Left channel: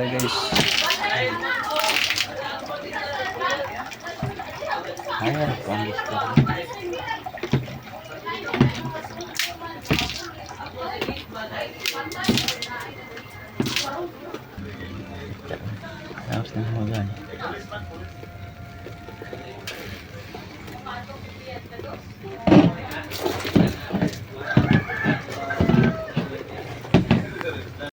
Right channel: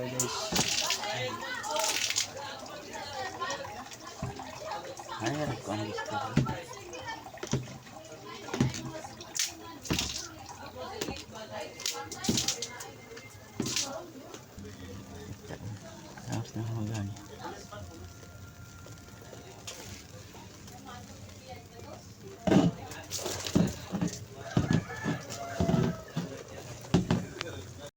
tara guys. Ayan, pangit ko. Tapos na mo yan.